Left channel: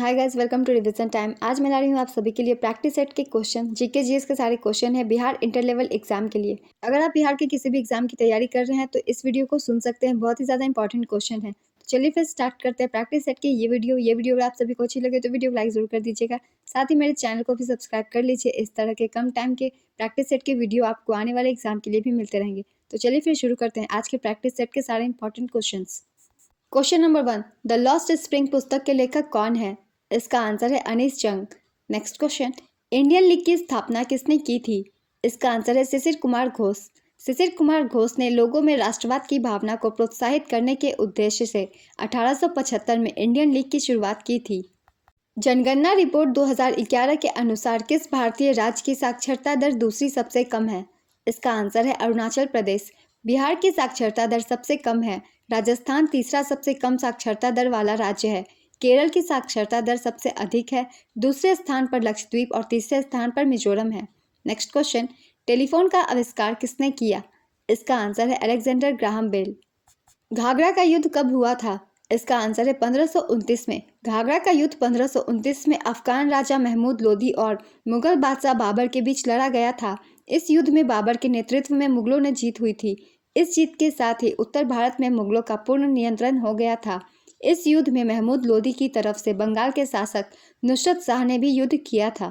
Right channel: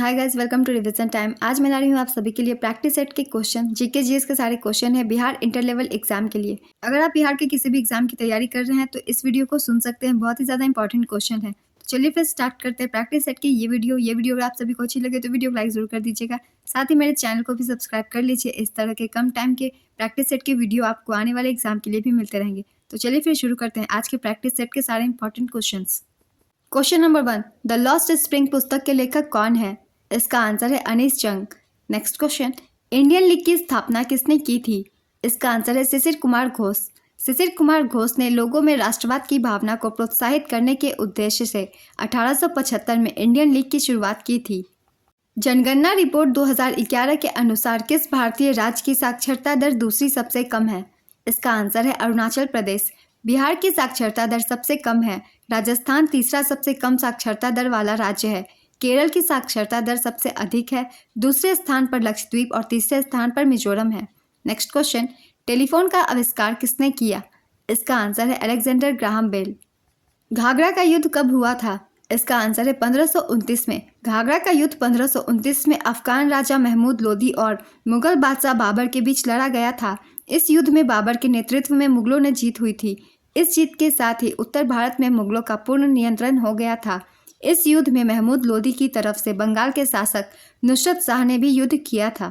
Hi guys, welcome to revision time. आज मैं ला रही हूँ आप सभी के लिए प्रैक्टिस सेट के क्वेश्चन, जीके जीएस के सारे क्वेश्चन है बिहार इंटर लेवल एग्जाम के लिए। अगर आप बिहार के किसी भी एग्जाम की तैयारी कर रहे हैं तो इस वीडियो को सुन सकते हैं, बहुत ही ज़्यादा इंपॉर्टेंट क्वेश्चन है। तो चलिए फिर स्टार्ट करते हैं प्रैक्टिस सेट की ये वीडियो अगर आप सभी को अच्छी लगे तो वीडियो को लाइक जरूर कर दीजिएगा। साथ ही मेरे चैनल को भी सब्सक्राइब कर लीजिए, इस तरह के कम टाइम के प्रैक्टिस सेट के वीडियो आपको आने वाले एग्जाम के लिए भी मिलते रहेंगे। तो चलिए फिर शुरू करते हैं आज के प्रैक्टिस सेट के सारे important question. Question number 1, the lost spring पुस्तक के लेखक कौन है? इसका आंसर है अनीस जंग। नेक्स्ट क्वेश्चन, इंडियन लीग की स्थापना किसने की थी? इसका आंसर है शिशिर कुमार घोष। शिशिर कुमार घोष ने लोगों में राष्ट्रवाद की भावना को प्रोत्साहित करने के उद्देश्य से 1875 में इंडियन लीग की शुरुआत की थी। जनगणना रिपोर्ट 2011 के अनुसार किस भारतीय राज्य की साक्षरता दर दूसरी सबसे कम है? इसका आंसर है अरुणाचल प्रदेश। बिहार की साक्षरता दर सबसे कम है। राजस्थान तीसरा सबसे कम साक्षरता दर वाला राज्य है। केरल की साक्षरता दर सबसे अधिक है। दूसरे स्थान पर लक्षद्वीप और तीसरे स्थान पर मिजोरम है। नेक्स्ट क्वेश्चन, टेलीफोन का आविष्कार किसने किया? इसका आंसर है अलेक्जेंडर ग्राहम बेल। घाघरा का युद्ध कब हुआ था? इसका आंसर है 1529 में। घाघरा का युद्ध 1529 में अफगान राजा महमूद लोदी और मुगल बादशाह बाबर के बीच लड़ा गया था। इस युद्ध में बाबर के नेतृत्व में मुगलों ने जीत हुई थी। इस जीत के साथ ही उत्तर भारत में मुगलों का पूर्ण नियंत्रण हो गया था। इस युद्ध में महमूद लोदी की तरफ से बंगाल के शासक नुसरत शाह ने भी युद्ध किया था।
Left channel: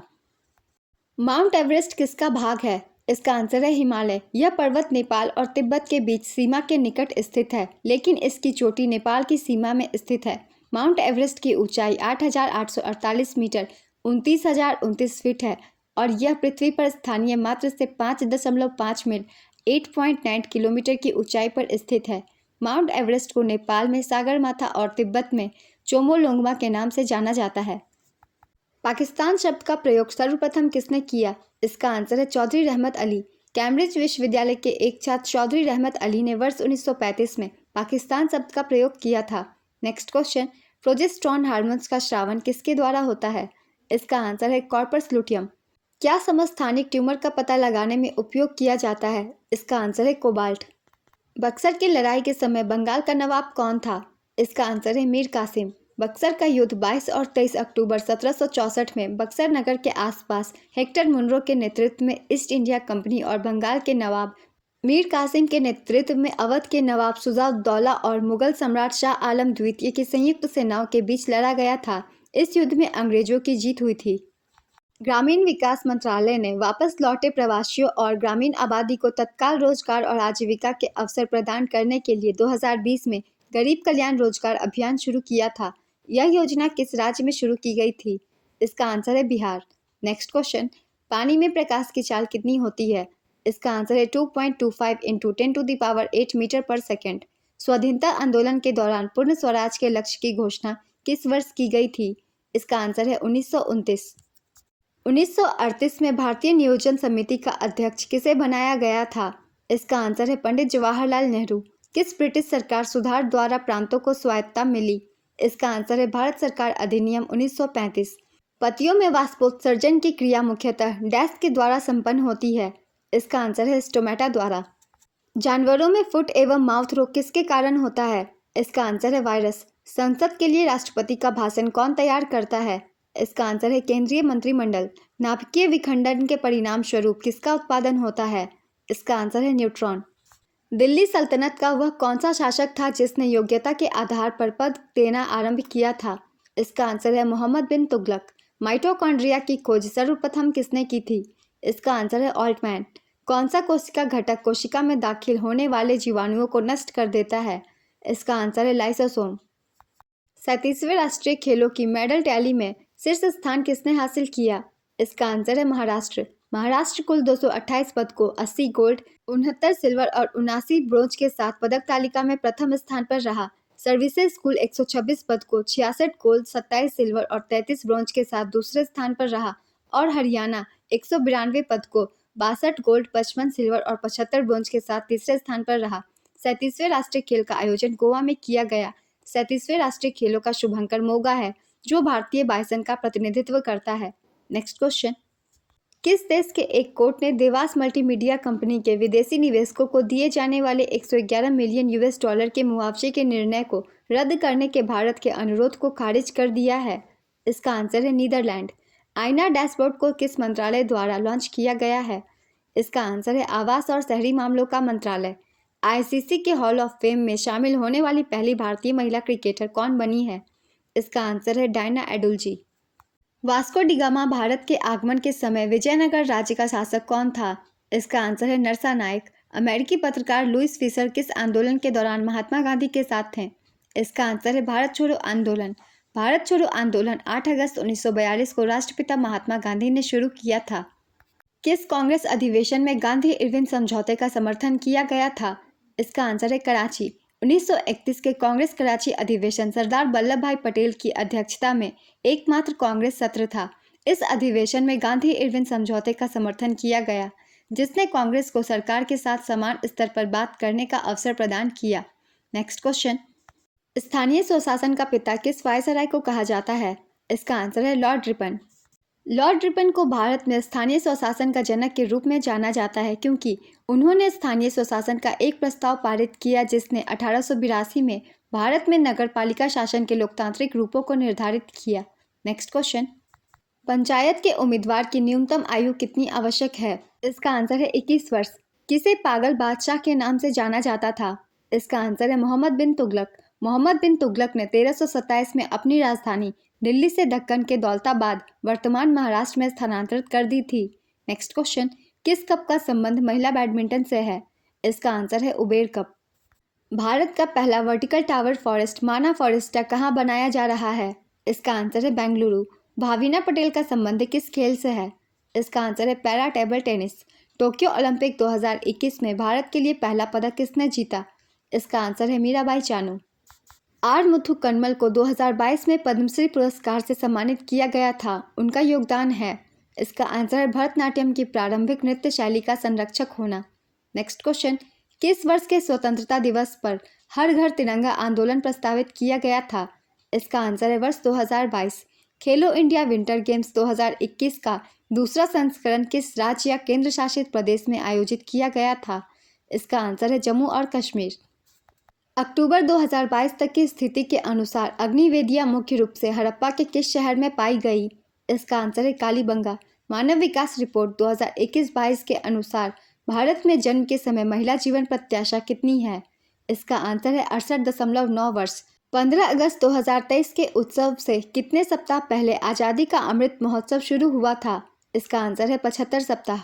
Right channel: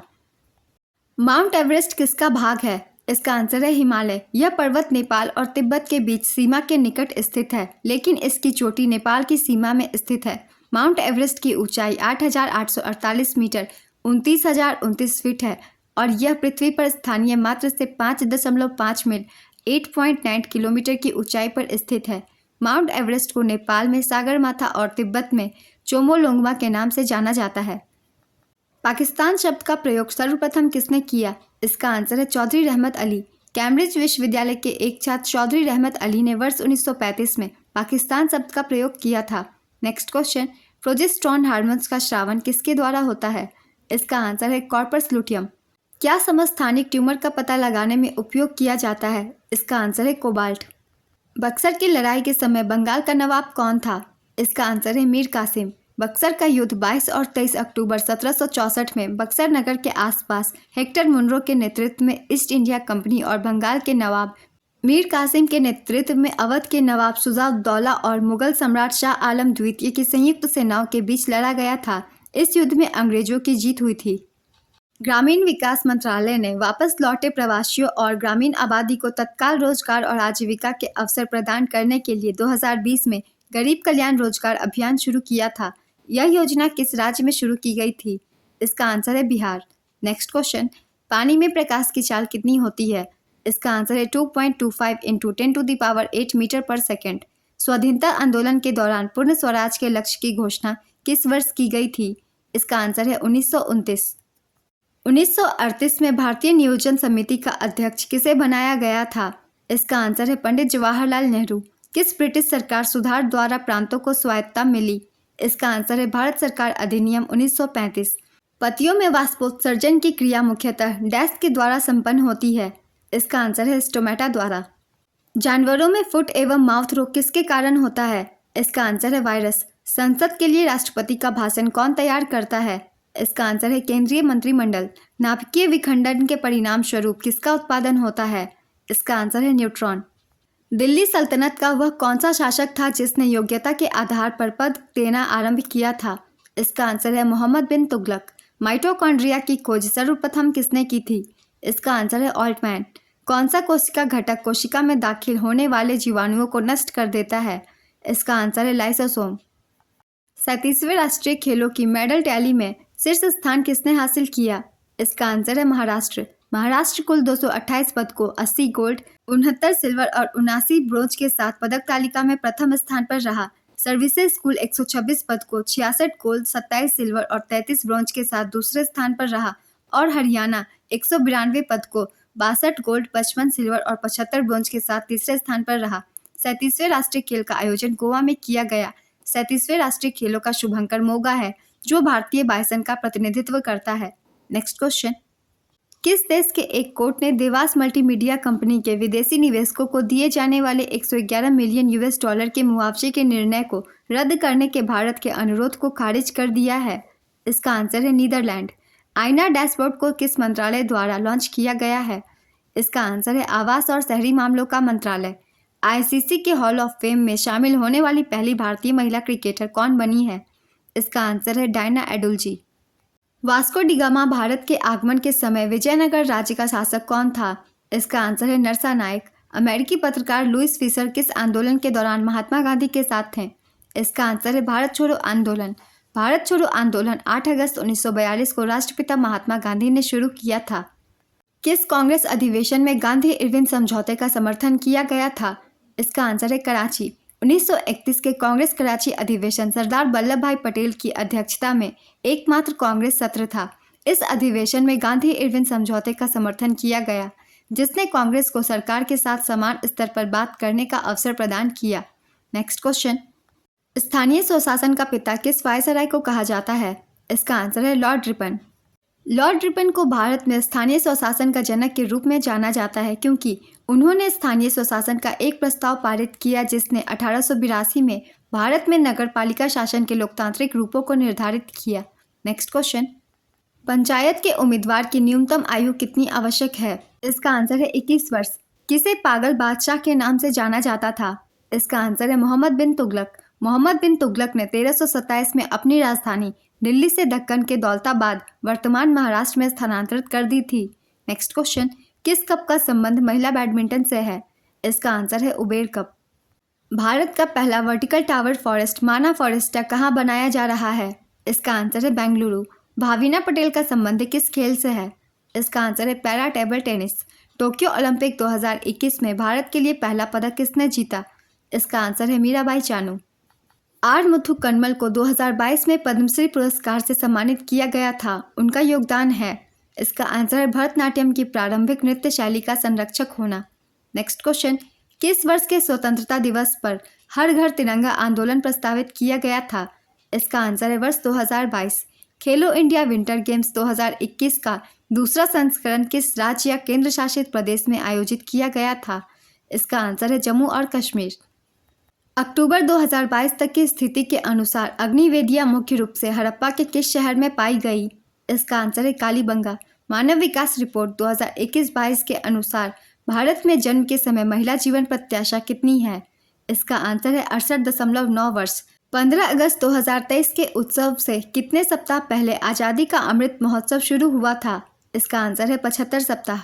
माउंट एवरेस्ट किसका भाग है? इसका आंसर है हिमालय। यह पर्वत नेपाल और तिब्बत के बीच सीमा के निकट स्थित है, लेकिन इसकी चोटी नेपाल की सीमा में स्थित है। माउंट एवरेस्ट की ऊंचाई 8,848 मीटर 29,029 फीट है और यह पृथ्वी पर स्थानीय मात्रा से 5.5 मील 8.9 किलोमीटर की ऊंचाई पर स्थित है। माउंट एवरेस्ट को नेपाल में सागरमाथा और तिब्बत में चोमोलोंगमा के नाम से जाना जाता है। पाकिस्तान शब्द का प्रयोग सर्वप्रथम किसने किया? इसका आंसर है चौधरी रहमत अली। कैम्ब्रिज विश्वविद्यालय के एक छात्र चौधरी रहमत अली ने वर्ष 1935 में पाकिस्तान शब्द का प्रयोग किया था। नेक्स्ट क्वेश्चन, प्रोजेस्टेरोन हार्मोन्स का स्रावन किसके द्वारा होता है? इसका आंसर है कॉर्पस लुटियम। क्या समस्थानिक ट्यूमर का पता लगाने में उपयोग किया जाता है? इसका आंसर है कोबाल्ट। बक्सर की लड़ाई के समय बंगाल का नवाब कौन था? इसका आंसर है मीर कासिम। बक्सर का युद्ध 22 और 23 अक्टूबर 1764 में बक्सर नगर के आसपास हेक्टर मुनरो के नेतृत्व में ईस्ट इंडिया कंपनी और बंगाल के नवाब मीर कासिम के नेतृत्व में अवध के नवाब शुजा-उद-दौला और मुगल सम्राट शाह आलम द्वितीय की संयुक्त सेनाओं के बीच लड़ा गया था। इस युद्ध में अंग्रेजों की जीत हुई थी। ग्रामीण विकास मंत्रालय ने वापस लौटे प्रवासियों और ग्रामीण आबादी को तत्काल रोजगार और आजीविका के अवसर प्रदान करने के लिए 2020 में गरीब कल्याण रोजगार अभियान शुरू किया था। यह योजना किस राज्य में शुरू की गई थी? इसका आंसर है बिहार। नेक्स्ट क्वेश्चन, पानी में प्रकाश की चाल कितनी होती है? इसका आंसर है 2.25 इंटू 10⁸ मीटर पर सेकेंड। स्वाधीनता आंदोलन के दौरान पूर्ण स्वराज के लक्ष्य की घोषणा किस वर्ष की गई थी? इसका आंसर है 1929। 1938 में भारतीय नियोजन समिति का अध्यक्ष किसे बनाया गया था? इसका आंसर है पंडित जवाहरलाल नेहरू। किस ब्रिटिश सरकार सुधार द्वारा प्रांतों को स्वायत्तता मिली? इसका आंसर है भारत सरकार अधिनियम 1935। पतियों में वाष्पोत्सर्जन की क्रिया मुख्यतः डैश के द्वारा संपन्न होती है? इसका आंसर है स्टोमेटा द्वारा। जानवरों में फुट एवं माउथ रोग किसके कारण होता है? इसका आंसर है वायरस। संसद के लिए राष्ट्रपति का भाषण कौन तैयार करता है? इसका आंसर है केंद्रीय मंत्रिमंडल। नाभिकीय विखंडन के परिणाम स्वरूप किसका उत्पादन होता है? इसका आंसर है न्यूट्रॉन। दिल्ली सल्तनत का वह कौन सा शासक था जिसने योग्यता के आधार पर पद देना आरंभ किया था? इसका आंसर है मोहम्मद बिन तुगलक। माइटोकॉन्ड्रिया की खोज सर्वप्रथम किसने की थी? इसका आंसर है ऑल्टमैन। कौन सा कोशिका घटक कोशिका में दाखिल होने वाले जीवाणुओं को नष्ट कर देता है? इसका आंसर है लाइसोसोम। 37वें राष्ट्रीय खेलों की मेडल टैली में शीर्ष स्थान किसने हासिल किया? इसका आंसर है महाराष्ट्र। महाराष्ट्र कुल 228 पदकों 80 गोल्ड 69 सिल्वर और 79 ब्रोंज के साथ पदक तालिका में प्रथम स्थान पर रहा। सर्विसेज स्कूल 126 पदकों 66 गोल्ड 27 सिल्वर और 33 ब्रोंज के साथ दूसरे स्थान पर रहा और हरियाणा 192 पदकों 62 गोल्ड 55 सिल्वर और 75 ब्रोंज के साथ तीसरे स्थान पर रहा। 37वें राष्ट्रीय खेल का आयोजन गोवा में किया गया। 37वें राष्ट्रीय खेलों का शुभंकर मोगा है, जो भारतीय बाइसन का प्रतिनिधित्व करता है। नेक्स्ट क्वेश्चन, किस देश के एक कोर्ट ने देवास मल्टीमीडिया कंपनी के विदेशी निवेशकों को दिए जाने वाले 111 मिलियन यूएस डॉलर के मुआवजे के निर्णय को रद्द करने के भारत के अनुरोध को खारिज कर दिया है? इसका आंसर है नीदरलैंड। आईना डैशबोर्ड को किस मंत्रालय द्वारा लॉन्च किया गया है? इसका आंसर है आवास और शहरी मामलों का मंत्रालय। आईसीसी के हॉल ऑफ फेम में शामिल होने वाली पहली भारतीय महिला क्रिकेटर कौन बनी है? इसका आंसर है Diana Edulji. Vasco D gamma Bharat के आगमन के समय विजयनगर राज्य का शासक कौन था? इसका आंसर है नरसा नायक। अमेरिकी पत्रकार लुइस फिशर किस आंदोलन के दौरान महात्मा गांधी के साथ थे? इसका आंसर है भारत छोड़ो आंदोलन। भारत छोड़ो आंदोलन 8 अगस्त 1942 को राष्ट्रपिता महात्मा गांधी ने शुरू किया था। किस कांग्रेस अधिवेशन में गांधी इरविन समझौते का समर्थन किया गया था? इसका आंसर है कराची। 1931 के कांग्रेस कराची अधिवेशन सरदार वल्लभ भाई पटेल की अध्यक्षता में एकमात्र कांग्रेस सत्र था। इस अधिवेशन में गांधी इरविन समझौते का समर्थन किया गया, जिसने कांग्रेस को सरकार के साथ समान स्तर पर बात करने का अवसर प्रदान किया। नेक्स्ट क्वेश्चन, स्थानीय स्वशासन का पिता किस वायसराय को कहा जाता है? इसका आंसर है लॉर्ड रिपन। लॉर्ड रिपन को भारत में स्थानीय स्वशासन का जनक के रूप में जाना जाता है, क्योंकि उन्होंने स्थानीय स्वशासन का एक प्रस्ताव पारित किया जिसने 1882 में भारत में नगरपालिका शासन के लोकतांत्रिक रूपों को निर्धारित किया। नेक्स्ट क्वेश्चन, पंचायत के उम्मीदवार की न्यूनतम आयु कितनी आवश्यक है? इसका आंसर है 21 वर्ष। किसे पागल बादशाह के नाम से जाना जाता था? इसका आंसर है मोहम्मद बिन तुगलक। मोहम्मद बिन तुगलक ने 1327 में अपनी राजधानी दिल्ली से दक्कन के दौलताबाद वर्तमान महाराष्ट्र में स्थानांतरित कर दी थी। नेक्स्ट क्वेश्चन, किस कप का संबंध महिला बैडमिंटन से है? इसका आंसर है उबेर कप। भारत का पहला वर्टिकल टावर फॉरेस्ट माना फॉरेस्टा कहाँ बनाया जा रहा है? इसका आंसर है बेंगलुरु। भाविना पटेल का संबंध किस खेल से है? इसका आंसर है para table tennis. Tokyo Olympic 2021 में भारत के लिए पहला पदक किसने जीता? इसका आंसर है मीराबाई चानू। आर मुथु कन्मल को 2022 में पद्मश्री पुरस्कार से सम्मानित किया गया था। उनका योगदान है? इसका आंसर है भरतनाट्यम की प्रारंभिक नृत्य शैली का संरक्षक होना। नेक्स्ट क्वेश्चन, किस वर्ष के स्वतंत्रता दिवस पर हर घर तिरंगा आंदोलन प्रस्तावित किया गया था? इसका आंसर है वर्ष 2022। खेलो इंडिया विंटर गेम्स 2021 का दूसरा संस्करण किस राज्य या केंद्र शासित प्रदेश में आयोजित किया गया था? इसका आंसर है जम्मू और कश्मीर। अक्टूबर 2022 तक की स्थिति के अनुसार अग्निवेदियाँ मुख्य रूप से हड़प्पा के किस शहर में पाई गई? इसका आंसर है कालीबंगा। मानव विकास रिपोर्ट 2021-22 के अनुसार भारत में जन्म के समय महिला जीवन प्रत्याशा कितनी है? इसका आंसर है 68.9 वर्ष। 15 अगस्त 2023 के उत्सव से कितने सप्ताह पहले आज़ादी का अमृत महोत्सव शुरू हुआ था? इसका आंसर है 75 सप्ताह।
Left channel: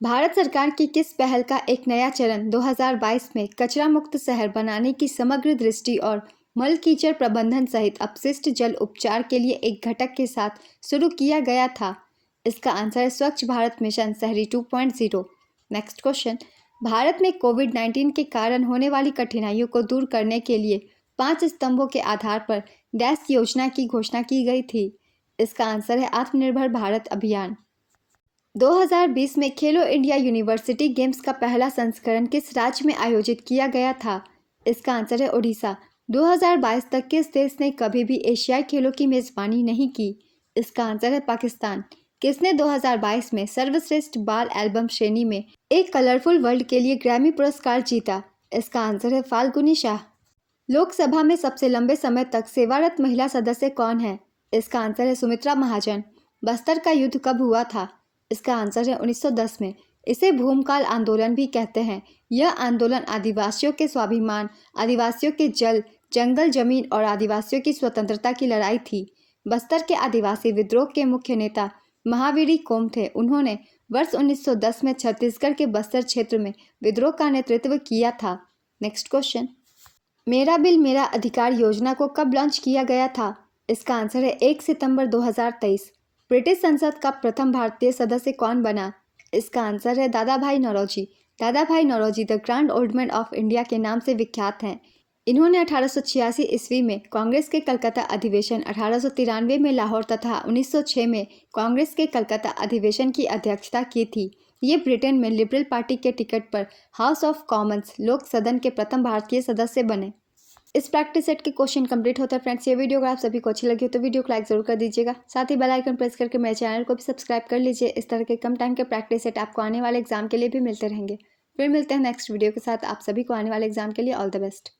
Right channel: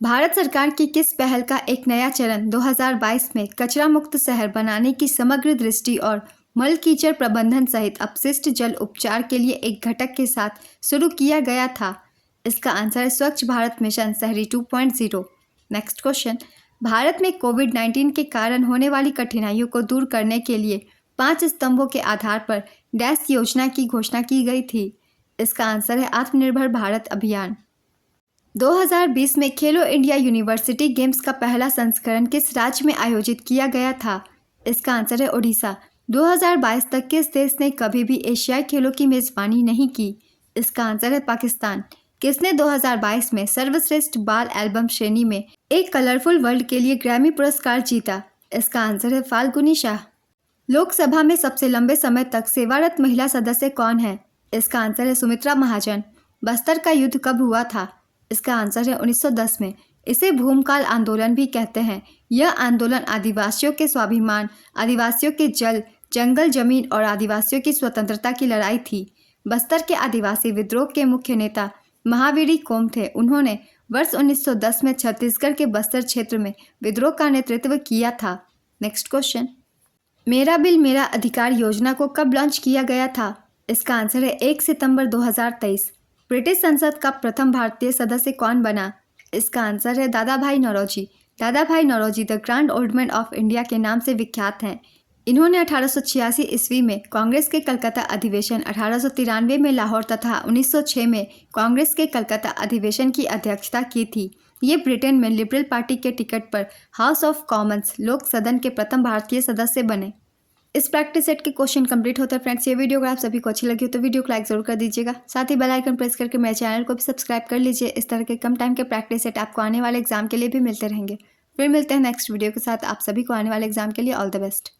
भारत सरकार की किस पहल का एक नया चरण 2022 में कचरा मुक्त शहर बनाने की समग्र दृष्टि और मल कीचड़ प्रबंधन सहित अपशिष्ट जल उपचार के लिए एक घटक के साथ शुरू किया गया था? इसका आंसर है स्वच्छ भारत मिशन शहरी 2.0। नेक्स्ट क्वेश्चन, भारत में कोविड-19 के कारण होने वाली कठिनाइयों को दूर करने के लिए 5 स्तंभों के आधार पर डैश योजना की घोषणा की गई थी। इसका आंसर है आत्मनिर्भर भारत अभियान। 2020 में खेलो इंडिया यूनिवर्सिटी गेम्स का पहला संस्करण किस राज्य में आयोजित किया गया था? इसका आंसर है ओडिशा। 2022 तक किस देश ने कभी भी एशियाई खेलों की मेजबानी नहीं की? इसका आंसर है पाकिस्तान। किसने 2022 में सर्वश्रेष्ठ बाल एल्बम श्रेणी में एक कलरफुल वर्ल्ड के लिए ग्रैमी पुरस्कार जीता? इसका आंसर है फाल्गुनी शाह। लोकसभा में सबसे लंबे समय तक सेवारत महिला सदस्य कौन है? इसका आंसर है सुमित्रा महाजन। बस्तर का युद्ध कब हुआ था? इसका आंसर है 1910 में। इसे भूमकाल आंदोलन भी कहते हैं। यह आंदोलन आदिवासियों के स्वाभिमान, आदिवासियों के जल, जंगल जमीन और आदिवासियों की स्वतंत्रता की लड़ाई थी। बस्तर के आदिवासी विद्रोह के मुख्य नेता महावीरी कोम थे। उन्होंने वर्ष 1910 में छत्तीसगढ़ के बस्तर क्षेत्र में विद्रोह का नेतृत्व किया था। नेक्स्ट क्वेश्चन, मेरा बिल मेरा अधिकार योजना को कब लॉन्च किया गया था? इसका आंसर है 1 सितंबर 2023। ब्रिटिश संसद का प्रथम भारतीय सदस्य कौन बना? इसका आंसर है दादा भाई Naoroji. Dadabhai Naoroji the grand old man of India के नाम से विख्यात हैं। इन्होंने 1886 ईस्वी में कांग्रेस के कलकत्ता अधिवेशन, 1893 में लाहौर तथा 1906 में कांग्रेस के कलकत्ता अधिवेशन की अध्यक्षता की थी। ये ब्रिटेन में लिबरल पार्टी के टिकट पर हाउस ऑफ कॉमन्स लोक सदन के प्रथम भारतीय सदस्य बने। इस प्रैक्टिस सेट के क्वेश्चन कंप्लीट होता है फ्रेंड्स। ये वीडियो अगर आप सभी को अच्छी लगी हो तो वीडियो को लाइक जरूर कर दीजिएगा। साथ ही बेल आइकन प्रेस करके मेरे चैनल को भी सब्सक्राइब कर लीजिए। इस तरह के कम टाइम के प्रैक्टिस सेट आपको आने वाले एग्जाम के लिए भी मिलते रहेंगे। फिर मिलते हैं नेक्स्ट वीडियो के साथ। आप सभी को आने वाले एग्जाम के लिए ऑल द बेस्ट।